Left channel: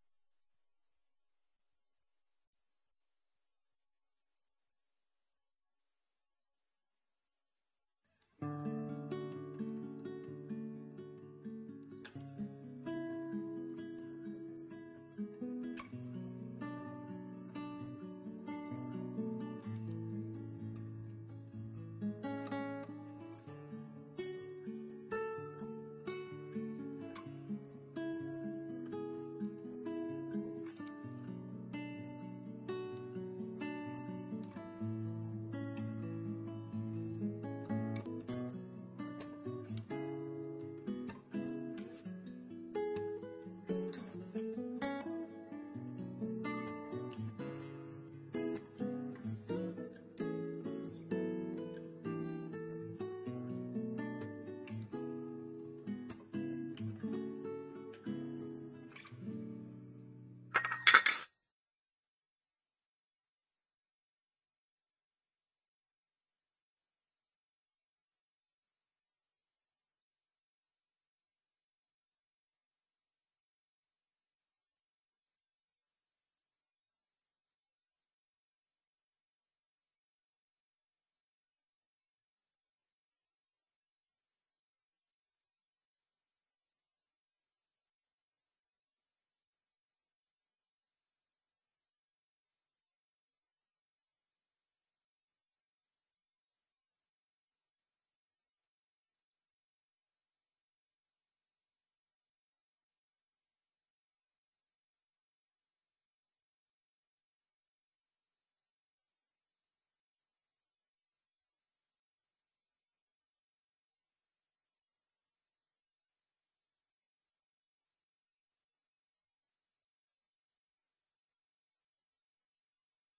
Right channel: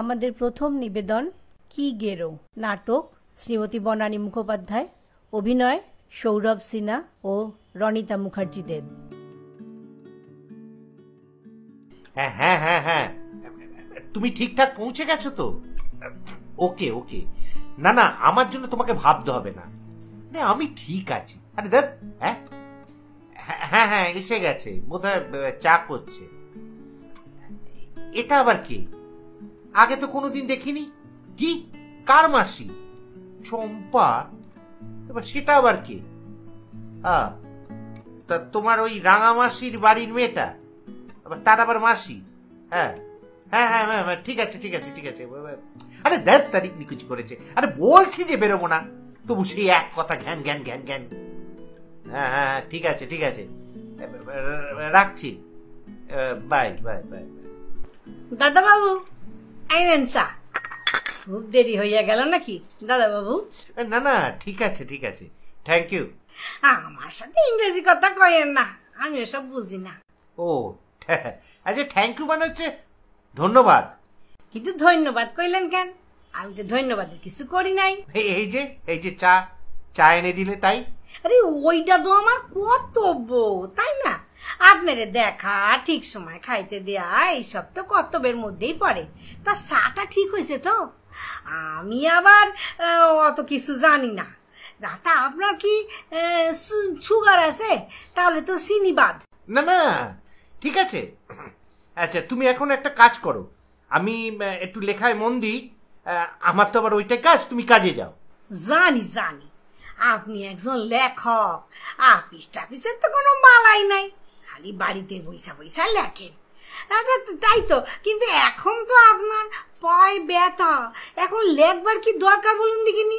আমাদের প্রথম নিবেদন কি গেরো নাটক শ্রীমতী বনানী মুখোপাধ্যায়, অভিনয় সৌরভ সিনহা ও রনিতা মুখার্জি দেব। হ্যাঁ হ্যাঁ হ্যাঁ হ্যাঁ, তুমি ঠিকঠাক পৌঁছে গেছো তো? ওকে ওকে, না না আমার জন্য তোমাকে ভাবতে হবে না, আমি ঠিক আছি। আরে দেখ, হ্যাঁ হ্যাঁ হ্যাঁ এসে গেছে বোধহয়, চা করছে। এটা আবার কে? আগে তো কোনোদিন দেখিনি। কি, কার মাসি? চম্পা? এবার সেটা আবার কে? তা তোমার ওই রাঙা মাসির বাড়ির মেয়েটা, তার আবার মাসি? হ্যাঁ হ্যাঁ হ্যাঁ হ্যাঁ ঠিক আছে ঠিক আছে ঠিক আছে। আরে দেখ তারিখ নিকুচ করেছে। আরে বলছি যে বেরোবো না, তবু সেই এক কথা ঘ্যান ঘ্যান ঘ্যান ঘ্যান। হ্যাঁ হ্যাঁ ঠিক আছে ঠিক আছে, রাখছি, বাই বাই বাই। দাদা বাবু আইনেন চা। খুব দেরি হইয়া গেল নাকি দাদা বাবু? না না ঠিক আছে ঠিক আছে, থ্যাংক ইউ। আমার সাথে ইংরেজি কথা কয়েন না, আমি ওসব বুঝি না। ও আচ্ছা, থ্যাংক ইউ মানে হচ্ছে ধন্যবাদ। কিন্তু ধন্যবাদ কইলেন কেন? আমি তো ধন্যবাদের কিছু করি নাই। এই যে চা চা এনে দিলে তাই? আরে ওইটা তো আমার কর্তব্য, তাই না? আপনারে দেখা, ঠিক সময় খাইতে দেয়া, এইসব তো কর্তব্যের মধ্যেই পড়ে। তা চাটা ঠিক হয়েছে তো? আমি আবার অত কিছু জানি না। তা আপনার কি সুগার আছে? তাহলে তো চিনি বাদ। না না ঠিক আছে। আচ্ছা তুমি এখন একটা কাজ করো, আমি একটু লেখায় মন দিই। আমার তো আবার ওইটাই কাজ, তুমি কাজে যাও। জানি জানি আপনি একজন লেখক, আপিস টাপিসের তো কোনো বালাই নাই, খালি বাড়িতে বইসা বইসা লেখেন। তাই তো, কিন্তু এখন তো আপনার পায়ে ব্যথা, এখন লেখবার কি দরকার বলুন দেখিনি?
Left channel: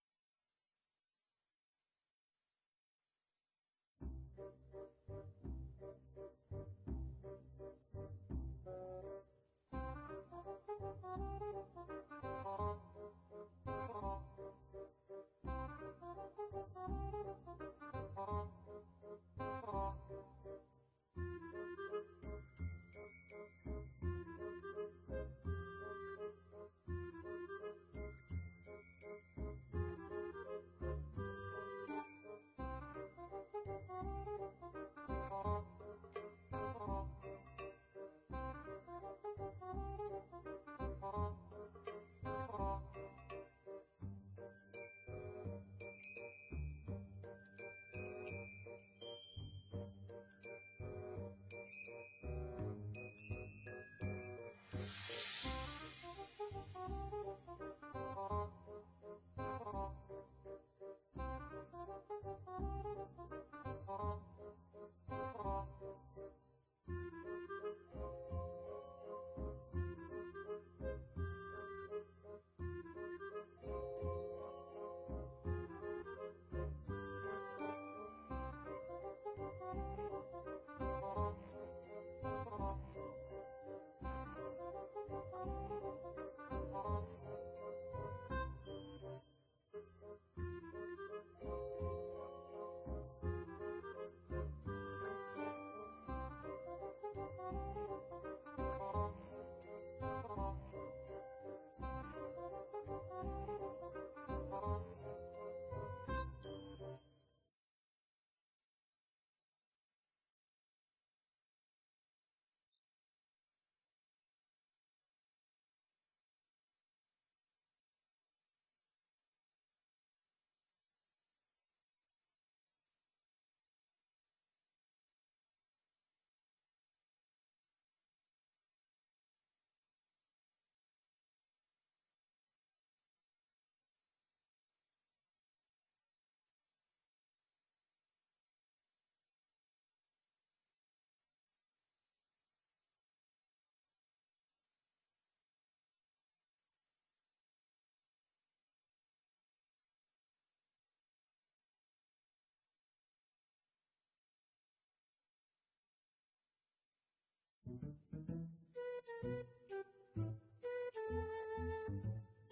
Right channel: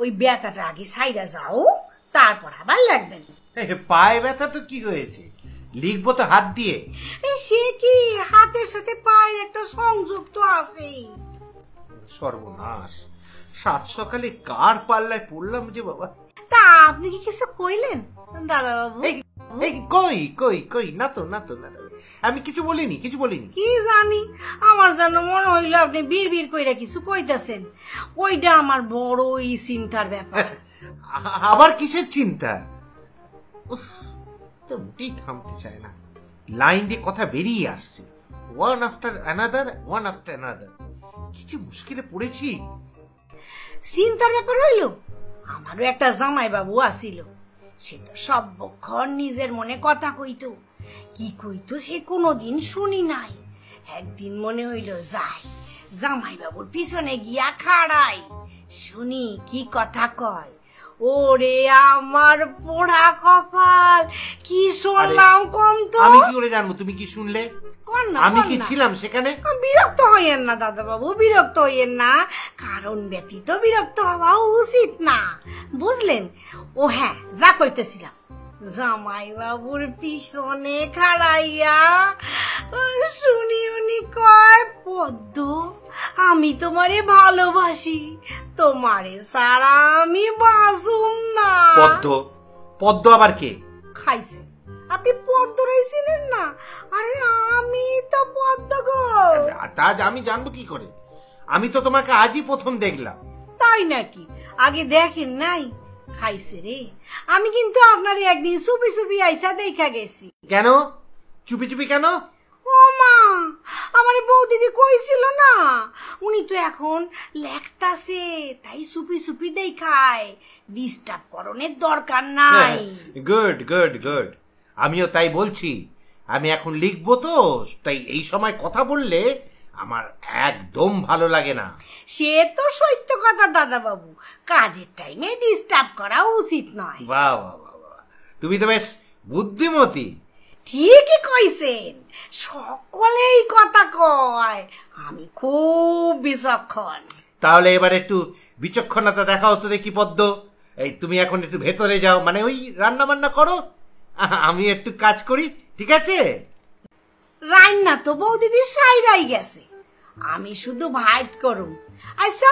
ওই ব্যথাটা আগে সাইডা যাও, তারপর আবার লিখবেন। পায়ে ব্যথা তো কি হয়েছে, লিখবো তো হাত দিয়ে। সে কি, হাতের সাথে পায়ের একটা সংযোগ তো আছেই। সর্বনাশ, সাত সকালে কার পাল্লায় পড়লাম যে বাবা। তা আপনি কি কিছু কইলেন দাদা বাবু? কই কই কই, না তো না তো, আমি কিছু বলিনি কিছু বলিনি। কি জানি, আমার যেন মনে হইলো আপনি বিড় কইরা কিছু কইতাছেন। ওইটা আমার বড়ই চিন্তার ব্যাপার। আবার কিসের চিন্তা? তো মোটেই থামতে চায় না, লাইন দিয়ে কথা বেরিয়ে আসছে, one after another one after another. কিছু মুশকিলে পড়েছি। চিন্তার ব্যাপার হইল, আমারও একটা জামাই বাবু আসিল, সে তো সর্বক্ষণ নিজের মনে কথা কইতো। কি কইতো সে কোনোদিন শুনি নাই। একদিন মনে হইল যাই জামাই বাবুর পিছনে গিয়া খাড়াই, শুনি কি কথা কয়। ওরে আমার পোড়া কপাল, কি শুনলাম কম তো। আমি কি করে জানবো তুমি কি শুনলে? আমি কি ছিলাম সেখানে? বিরক্ত হইয়েন না দাদা বাবু, বিরক্ত হইয়েন না, কারণ ব্যতীত বিরক্ত হওয়া উচিত না, বুঝলেন? ও হ্যাঁ, যা কইতেছিলাম, জামাই বাবুর পিছনে খাড়াইয়া শুনি উনি কয়, পদ্ম আমি তোমারে ভালোবাসি, তোমারে সারা আমি বাঁচুম না। পদ্ম? পদ্ম আবার কে? খাইছে আপনি পদ্ম রইছিলেন না? আরে আমি তো পদ্ম গো। তা আমি জানবো কি করে? আমি তো তোমাকে আজই প্রথম দেখলাম। তাই নাকি? আগে দেখেন নাই? খাইছে রে, আমি কিন্তু আপনারে একদিন চুপি চুপি আইসা দেখা গেছি। কেন চুপি চুপি কেন? ও মা, আমার বউ দিদি কইছিল না, উনি তো এখন লেখতাছে, তাই চুপি চুপি দেখায়, ডিস্টার্ব করণের দরকার নাই। গুড গুড গুড, আমিও তাই বলছি। আমি এখন লিখবো তো, তাই এই সময় কথা বললে আমার একদম ভালো লাগে না। সে তো সত্য কথা দাদা বাবু, কাজের টাইমে ডিস্টার্ব করা উচিত নয়। বাহ বাহ বাহ, তুমি তো বেশ বুদ্ধিমতী। ঠিকই কইছেন, সকলেই কথা কয়, আমি খুব বিচক্ষণ। তাহলে এবার একটু বিচক্ষণতা দেখাও তো দেখি পদ্ম। এই তুমি এখন একটু ভেতরে যাও, মানে ওই রান্না বান্না করো, আমি একটু কাজ করি, ঠিক আছে? রান্না তো বৌদিদির সাইরাই গেছে, আমি শুধু ভাত করুম। আচ্ছা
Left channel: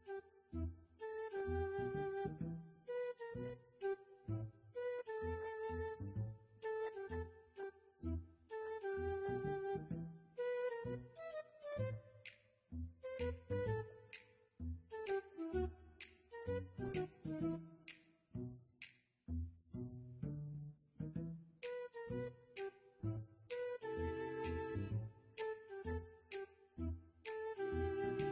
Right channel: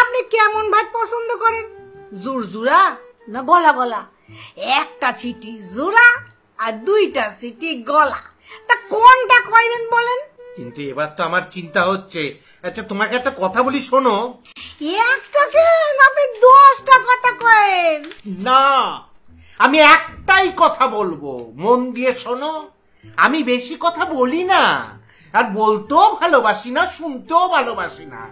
আপনি কেমন ভাত পছন্দ করেন, জুরজুরা না গলা গলা? একটা ছিটি জোড়া আর দুইটা ছিটি গলা, তা কোনটা কইলেন বলেন? কিন্তু এবার তো আমার চিন্তা হচ্ছে। আচ্ছা তোমাকে একটা কথা বলি, শোনো। একটা কেন, আপনি 10টা কথা কয়েন। না, আমি একটাই কথা বলবো, মন দিয়ে শোনো। আমি বেশি কথা বলি না, আর বলতেও ভালোবাসি না, শুনতেও ভালোবাসি না।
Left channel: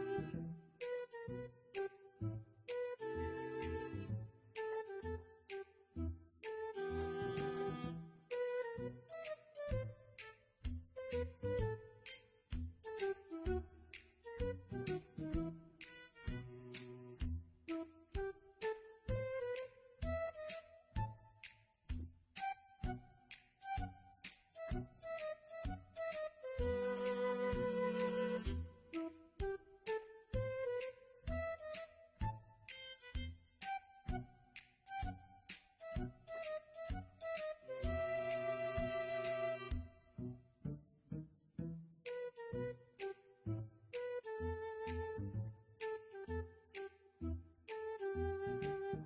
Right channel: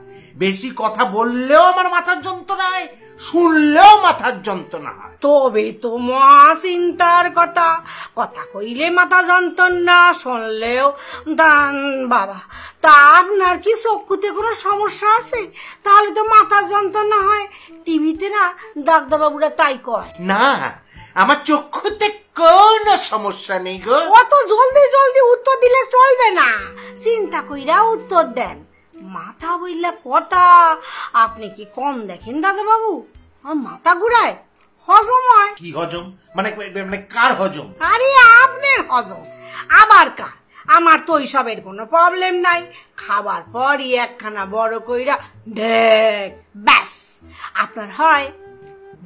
বেশি কথা বললেও আমার মাথার যন্ত্রণা হয়, শুনলেও মাথার যন্ত্রণা হয়। তবে তো মহা চিন্তার কথা, কথা কইলে মাথা যন্ত্রণা, শুনলেও দান বাবা। তা আপনার কি চক্ষুতে কোনো সমস্যা আছে? তাহলে তো মাথা যন্ত্রণা হয়। টিভিতে না ডাক্তারবাবুরা তাই কয়। না, আমার চক্ষুতে কোনো সমস্যা নেই গো। অত জলদি জলদি উত্তর দিলে চলবে না, চিন্তা কইরা উত্তর দেন। মাথা বইলা কথা, আপনি কি কম দেখেন দাদাবাবু? আমার মাথা ঘুরায়, হজম হয়। কি হজম? মানে মানে কার হজম? আরে আপনার হজম, আবার কার? আমার তো ওইসবের কোনো প্রবলেম নাই। খাবার পরই একখানা বড় কইরা ঢেক, ব্যাস আপনার হয়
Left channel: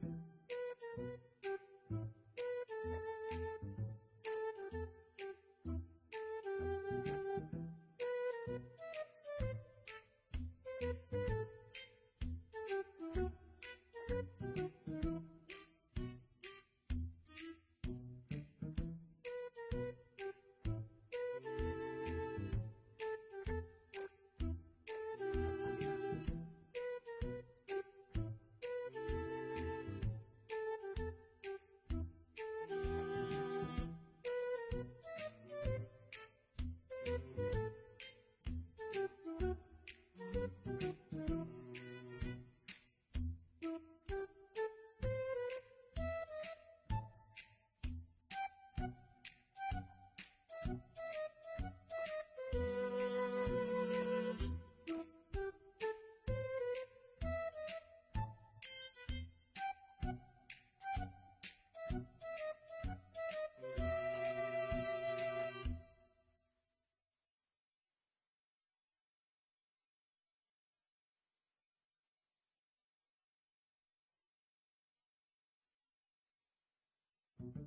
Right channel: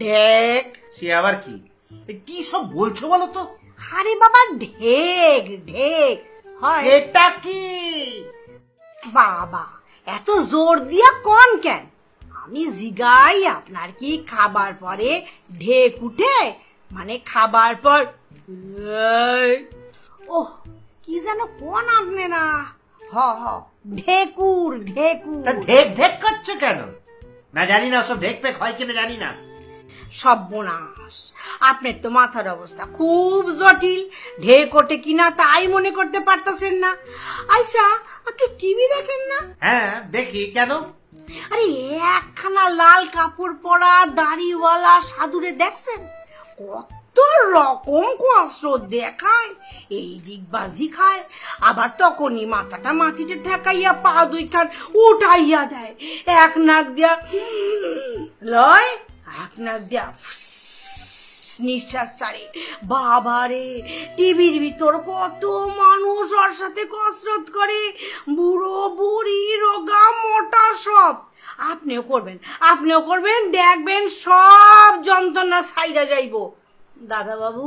ঢেক। সে আবার কি? কি সব বলছো বলো তো? আরে বাবা, ঢেক ঢেক হয়। সেটা কি? বাবা এত জোর দিয়া কোন কেন? আমি জিগাই আপনার কি খাবার পরে ঢেক উঠে? মানে খাবার পর ওহ কি যেন কোন আপনি না, হ হ ঢেকুর ঢেকুর। তা ঢেক ঢেক করছে কেন? না জানি না, সব ঢেক পেক হয় কিনা জানি না। সর্বনাশ, আপনার তো মাথার অবস্থা খুব জটিল। ঢেক ওঠে কিনা তাই মনে করতে পারতেছেন না। আচ্ছা, আপনি টিভি দেখেন না? হ্যাঁ দেখি, কেন? আরে একখানা লাল কাপড় পরা দাড়িওয়ালা সাধুরে দেখছেন? কত রকম কসরত দেখায়, এই দিকবাজি খায়, আবার তখনই মাথাটা মাটিতে ঠেকাইয়া পা দুইখান উঠাইয়া দেয়। এক নাক দিয়া লয়, এক নাক দিয়া নিঃশ্বাস ছাড়ে। বাবারে, টিভির ভিতর কত মানুষ ওর সাথে কসরত করে, বুড়ো বুড়ি রোগা মোটা সব। আপনিও করবেন, আপনিও করবেন, দেখবেন সব যন্ত্রণা ছাইরা যাইব। দাদা বাবু,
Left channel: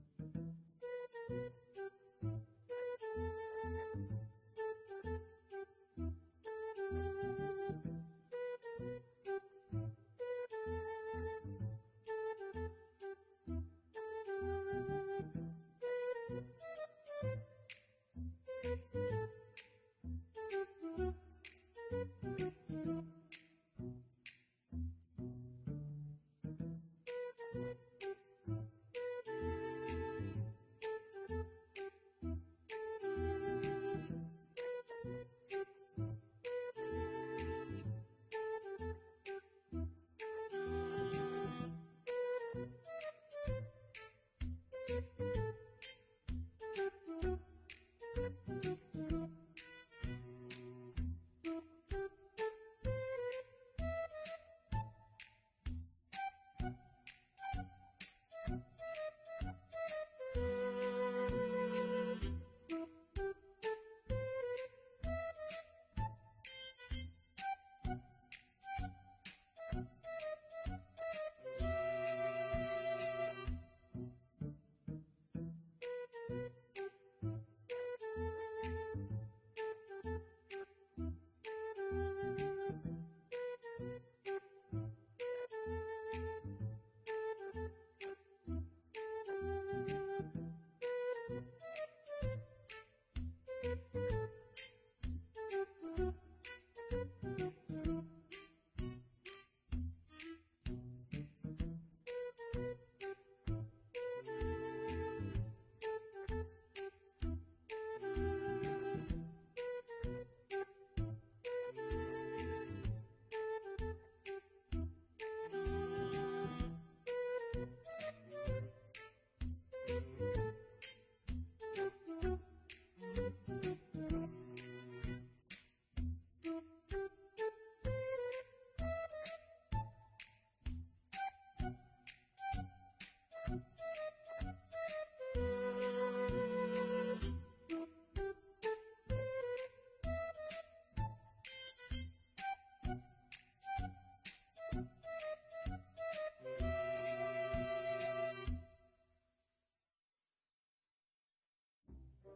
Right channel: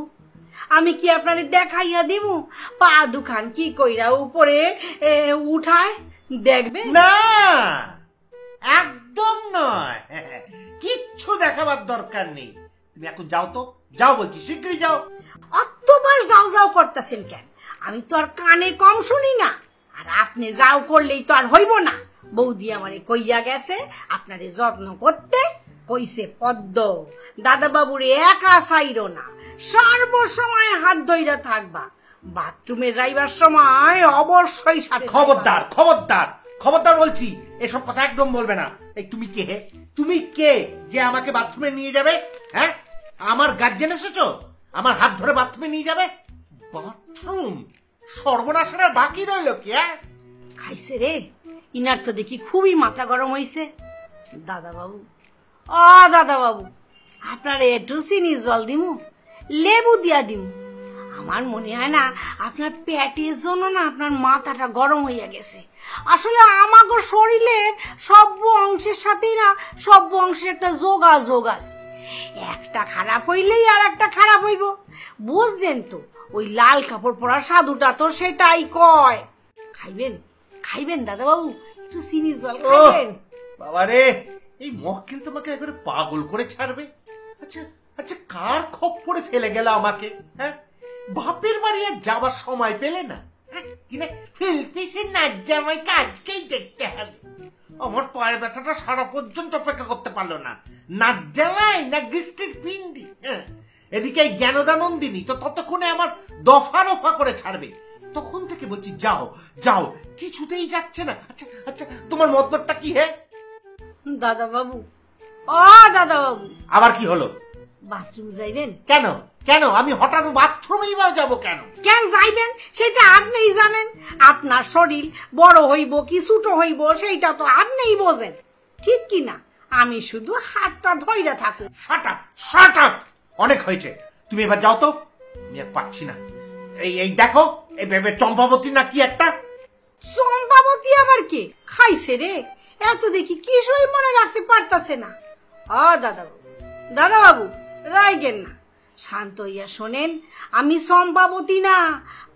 আমি কি আপনারে দেখাইয়া দিব পা দুখান কি কইরা উপরে উঠায়? দেখবেন না, একদম নয়, কিচ্ছু দেখাবার দরকার নেই। তুমি এখন যাও তো, যাও বলছি, শীঘ্রই যাও। অতবার যাও যাও করতেছেন কেন? আমি তো আর কানে কম শুনি না, আর আপনি যাও করলেই তো আর হইব না। বৌদি আমারে কইয়া গেছে আপনারে যত্ন করতে, কইছে পদ্ম দাদা বাবুরে একা চাইরো না, সর্বসময় হাত ধইরা থাকবা, বাথরুমে যাইবার সময় অবশ্যই সাথে। খবরদার খবরদার খবরদার বলছি, এসব কথা একদম বলবে না। এই তুমি কে? তুমি কে যে আমাকে বাথরুমে নিয়ে যাবে? হ্যাঁ, আমার গার্জেন এসেছো, আমার হাত ধরে বাথরুমে নিয়ে যাবে? বাথরুম সর্বনাশের আর বাকি রইল কি? খাইছে রে, ইনার তো দেখি খুবই মাথা গরম হইছে। দাদা বাবু, ও দাদা বাবু, আপনার একটু চিনি জল দিমু, লেবু দিয়া দিমু। আমার মনে হয় না আপনার পেটের জন্য না আপনার মাথাটা গরম হইয়া গেছে। আসলে আমাগো শরীরে সব অংশের সাথেই না সব অংশের একটা যোগাযোগ আছে। একটা খারাপ হইলেই আর একটা খারাপ হইব, বুঝছেন তো? ওই লাল কাপড় পরা সাধুটা তো সেটাই কয়। খাইবেন খাইবেন দাদা বাবু, একটু চিনি জল খাইবেন। বাবারে, এই মক্কেল তোমাকে একবারে পাগল করে ছাড়বে। আচ্ছা আচ্ছা, কার খপ্পরে ফেলে গেল আমাকে? হ্যাঁ, বাপের বাড়ি আর যাবার সময় পেলে না? কিনা ফিলফিসের নাচ জামাই কাজকেই দেখতে হবে। আমার পায়ের ব্যথাটা সারা পর্যন্ত অপেক্ষা করতে পারলো না। নাচ জামাই না গিফটের পিন্ডি? এদিকে এই জ্ঞানদানন্দিনী তো ততক্ষণে আমার দফা রফা করে ছাড়বে। তখন থেকে বলছি যাও যাও, কিছুতেই যাচ্ছে না। আচ্ছা আচ্ছা, তোমার মতলবটা কি? হে দাদা বাবু, ও দাদা বাবু, আবার কি হলো? বাথরুম যাইবেন? কেন কেন আমি হঠাৎ বাথরুমেই বা যাবো কেন? কেন যাইবেন সেটা আপনিই জানেন। আপনার শরীর বড় হইব কি ছোট হইব সেইটা তো আপনিই বোঝেন, ঠিক কি না? আমি শুধু হাতটা ধইরা থাকু। শাট আপ শাট আপ, অনেক হয়েছে, তুমি এবার যাও তো। আমি আর পাচ্ছি না। এই এই দেখো, এই ভেবে চম্পাবতী না কি একটা। চম্পাবতী আবার কে? খাইছে রে, এত দেখি কিছুই মনে রাখতে পারতাছে না। দাদা বাবু, দাদা বাবু রাইগেন না, শান্ত হইয়া শোনেন। আমি চম্পাবতী না,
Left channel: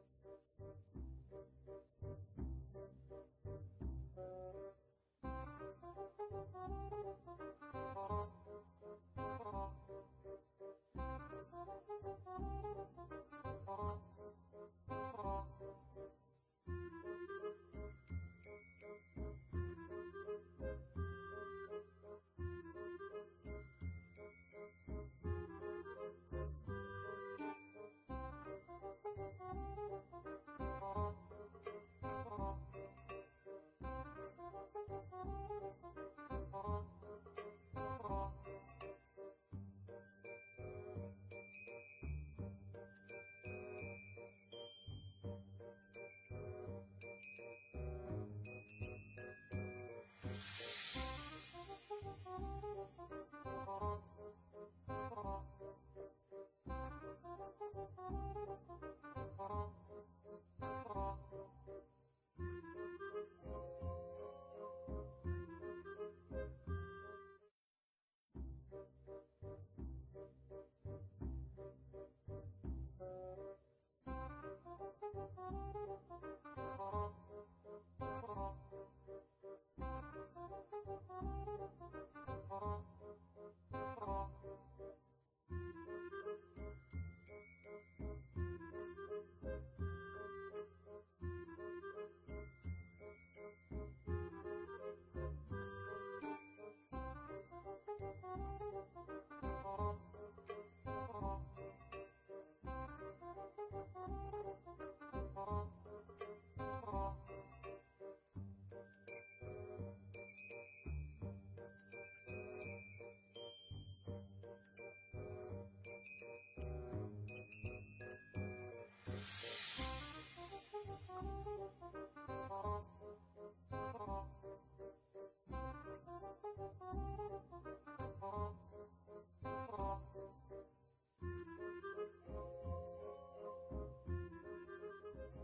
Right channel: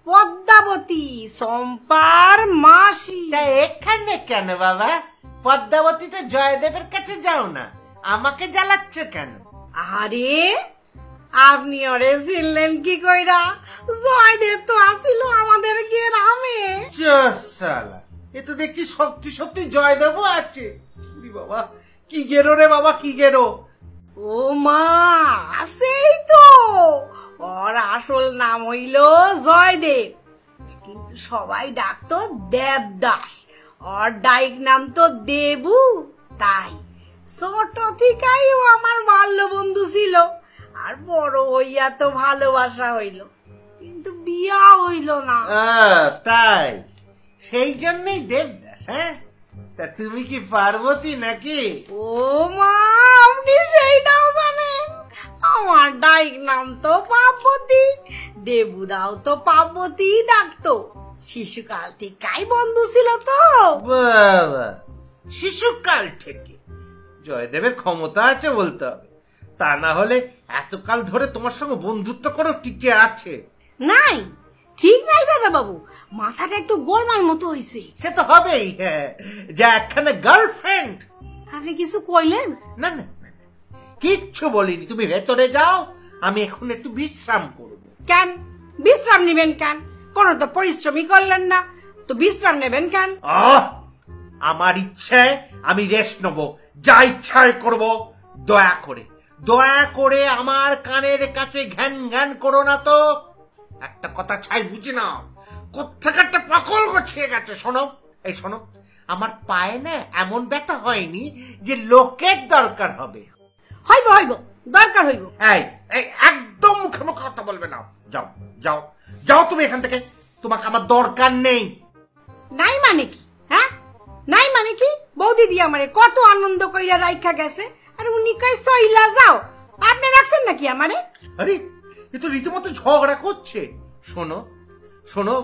পদ্মাবতী, সম্পার মাসি। তা এখানে কেন বাবা? পদ্মাবতী তো জয়দেবের কাছে যাও না, আমাকে জ্বালাচ্ছ কেন? আরে আপনি ওরে চিনলেন কি কইরা? জয়দেব তো আসিল আমাদের গ্রামে। শালা, এ তো দেখছি সত্যি সত্যি জয়দেবও আছে। বাবা কি গেরো রে বাবা, কি গেরো! ও মা, সেই তো ওর আসল নাম হইল জয়দেব, কিন্তু সবাই ডাকতো দেবদাস। ওর ডাইক নাম তো দেবু। তাই ছোট থেকেই ও আমার বাল্য বন্ধু ছিল, আর বড় হইয়া তো ভালোবাসা হইল, কিন্তু বিয়া হইল না। তাই সেই জন্যই দেবদাস। হ্যাঁ, তা তুমি কি পার্বতী নাকি? ও মা, আপনি সেইটাও জানেন? আমার ডাইক নাম তো পার্বতী, দেবুদাও তো পার্বতী ডাকতো। শিশুকাল থেকেই বন্ধু ছিল তো। বাবা, শিশুকাল থেকে? জয়দেবের ক্ষমতা আছে বলতে হবে, তা না হলে এতকাল ধরে তোমার সঙ্গে বন্ধুত্ব করে টিকে আছে? নাই, ঠিক নাই দাদা বাবু, মাথাটা একটু গোলমাল মতো হইছে। সে তো হবেই, হ্যাঁ, যা একখানে গার্লফ্রেন্ড। আপনি কিছু কইলেন? না না, কিচ্ছু বলিনি। তুমি ভেতরে যাও, আমি এখন একটু বিশ্রাম করব। কেন বিশ্রাম নেবেন? কেন? কোন তো পরিশ্রমই করলেন না, তো বিশ্রাম নেবেন কেন? আমার ইচ্ছায় আমি রেস্ট নেব, যা ইচ্ছায় করব। দয়া করে আমার কানের কাছে ঘ্যান ঘ্যান করো না তো। একটা কথা ছাই বুঝি নাও, কোত্থেকে একটা পাকল গছিয়ে গেছে। শোনো, এই শোনো, আমার পায়ে না এমন ব্যথা হয়নি যে লোকের দরকার হবে। হইব হইব, দরকার হইব। এই একদম মুখে মুখে কথা বলবে না। যাও যাও যাও তুমি এখান থেকে, তোমাকে আমার দরকার নেই। নাই মানে কি? হ্যাঁ, নাই মানে কি? বৌদিদি আমারে কত আনন্দ কইরা রাইখা গেছে, আর উনি কই সইলা যাও। আপনি রাখছেন নাকি আমারে? আরে এ তো রীতিমতো ঝগড়া করছে। শোনো শোনো,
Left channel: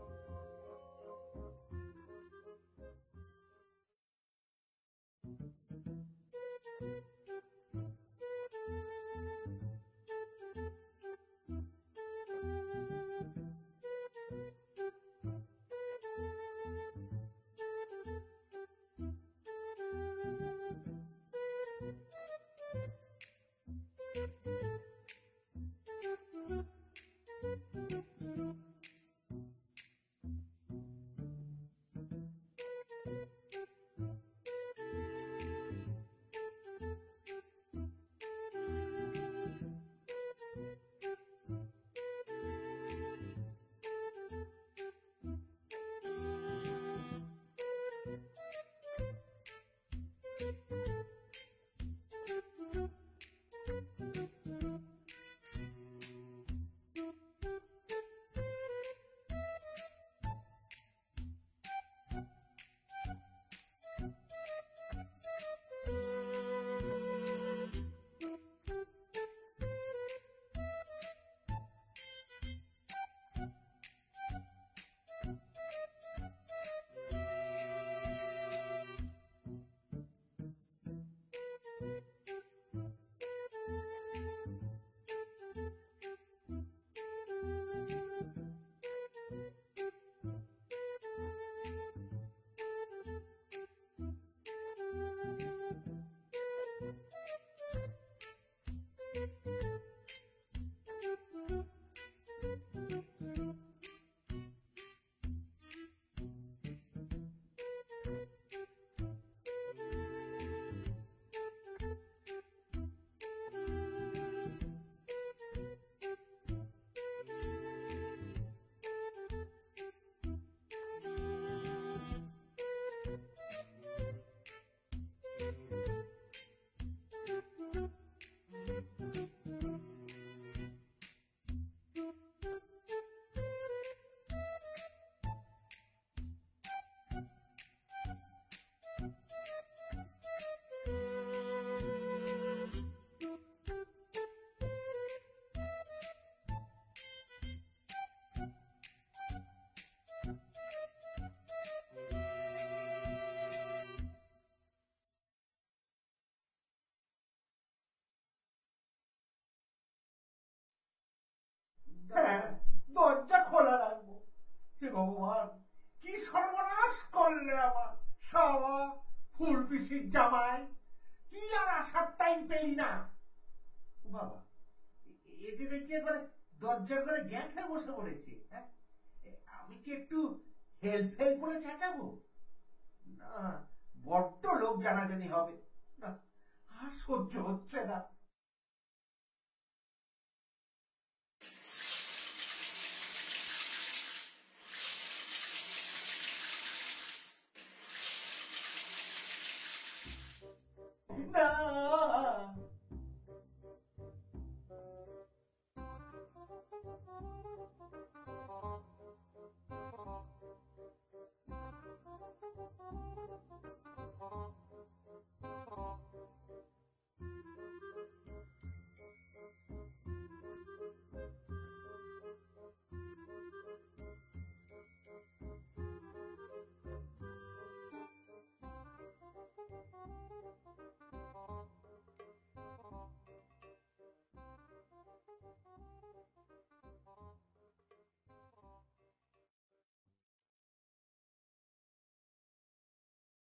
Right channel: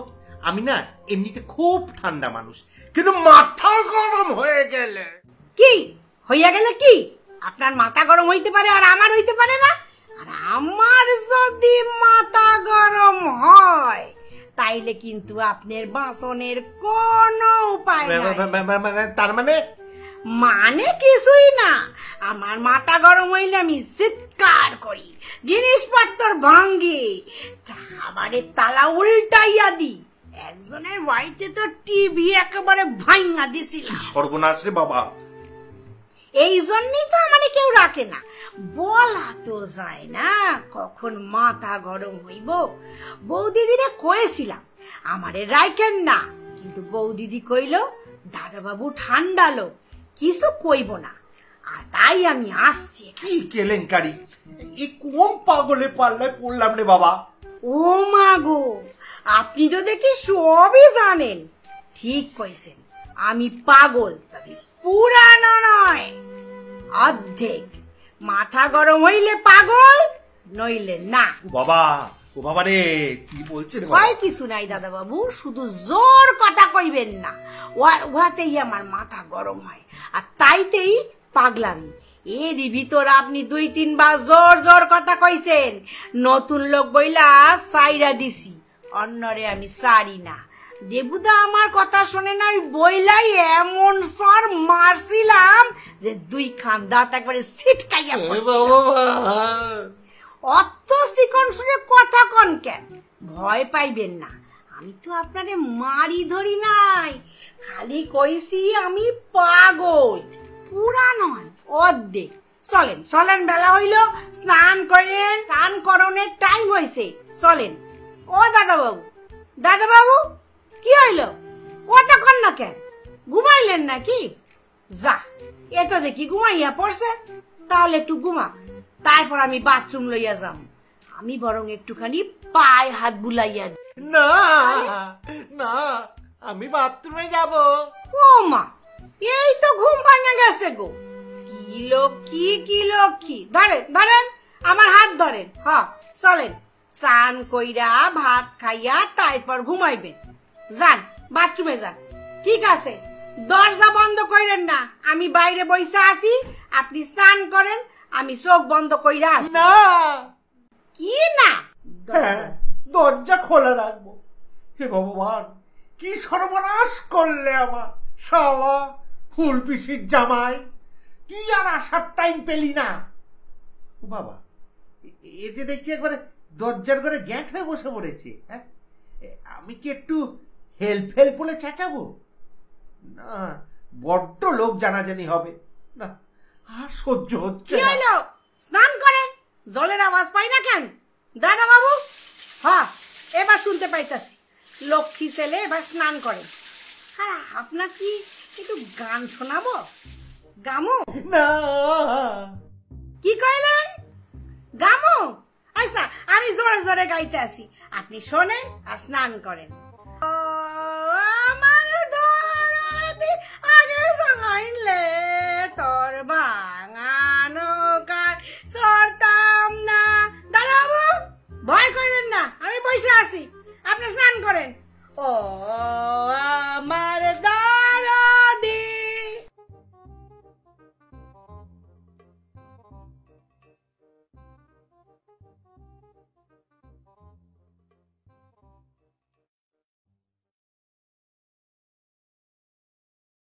আমি না এমনিতে খুব ঠান্ডা মানুষ, কিন্তু মাথা গরম হয়ে গেলে। কি হইয়া গেলে কি? আপনার মাথা গরম হইতে পারে আর আমার হইতে পারে না? আর আমার যদি মাথা গরম হয় তাইলে কিন্তু আপনার বাসনের কোনো উপায় নাই। তার মানে? মানে কিছুই না। আমার মাথা গরম হইলে আমি চিৎকার করি, জিনিসপত্র ভাঙ্গি, খাবারের তালা উল্টাইয়া দি। একজনের বাড়িতে তো টিভি একেবারে ভাঙ্গা দিছিল। সর্বনাশ রে বাবা! এই জন্যই তো আমারে কেউ রাখে না। বলা তো যায় না কখন মাথা গরম হইব। বৌদিদিরে কয়েছিলাম আমারে রাখেন না, কিন্তু বৌদিদি কইল দাদা বাবু ঠান্ডা লোক, কিছু কইব না। আর তাই আমি আসছি। কি কেলেঙ্কারি! এই কোন পাগলে পাল্লায় পড়লাম রে বাবা! ও মা গো, আপনি তো দেখি সবই জানেন। ঠিক কইছেন, আমি পাগল, তবে পুরানো নয়, অর্ধেক। মাথা গরম হইলে পাগল, নইলে না। ও বাবা রে, কি বলছেন? ভয় কিছু নাই দাদা বাবু, শুধু জোর কথা কইবেন না। উহাতেই আমার মাথা গরম হয়, আর তাইতেই পাগলামি। এরই ভিতর আপনি 2-3 বার জোর জোর কথা কইছেন। নতুন লোক বইলা সাইরা দিছি, অন্যরে আমি সারি না। দেবুদা আমার কথা শোনে না, বইলাই এমন সর মারছিলাম যে 2 খান দাঁত একবারে ছিটকাইয়া পড়ছিল। অত চিকন শুনে কথা কন কেন? ভয় পাইবেন না, আমি তো আপনারে মারি ধরি নাই, খালি কইছি আমি পাগল, পুরা নয়, অর্ধেক। চলেন চলেন, বেলা হইল, স্নান করেন, স্নান করণের টাইম হয়েছে, চলেন। ও দাদা বাবু, কি হইল? কতক্ষণ না কেন? ঘুমাইলেন নাকি? যা, এ তো দেখি ঘুমাইয়া পড়ছে। তাহলে একটু ঘুমা, তারপর আমি বাথরুম লইয়া যাম। আমি বরং একটুখানি পায়ে হাত বুলাইয়া। না না, আমি বাথরুমে যাব। ও মা, এই তো ঘুম ভাঙা গেছে গো। কি লক্ষ্মী! ধরেন আমার হাত ধরেন। হ্যাঁ, চলেন, স্নান কইরা ভাত খাইয়া তারপর ঘুমাইবেন। যান, বাথরুমে যান। ঠিক আছে, দরজা বন্ধ কইরেন না, আমি বাইরে বইসা আছি, আপনি স্নান করেন, আমি চোখ বন্ধ কইরা আছি। না। কি না? দরজা খোলা রাখবো, হে ভগবান, কি সর্বনাশ করলে আমার শালা ফুল পিসির জামাই, তুই আর আসার টাইম পেলি না। ও বাবা, এ যে দেখছি একবারে দরজার ঘরে গ্যাঁট হয়ে বসে পড়েছে। হ্যাঁ, আমি কি একটু হেল্প বলে চেঁচাবো? না, বড্ড লোক জানাজানি হবে না, আর সহ্য হচ্ছে কি না। হইলো? স্নান করেন, জলের আওয়াজ পাই না কেন দাদা বাবু? হ্যাঁ, এবার শুনতে পাইতাছি। লক্ষ্মী ছেলে এবার স্নান করেন। আর আপনার কি একটু গান শোনাবো? গামু? না, কি কইলেন? গামু? আচ্ছা, আমি জোরে জোরে গাইতে আসি, আপনি শোনেন আর স্নান করেন। ও আমার দরদে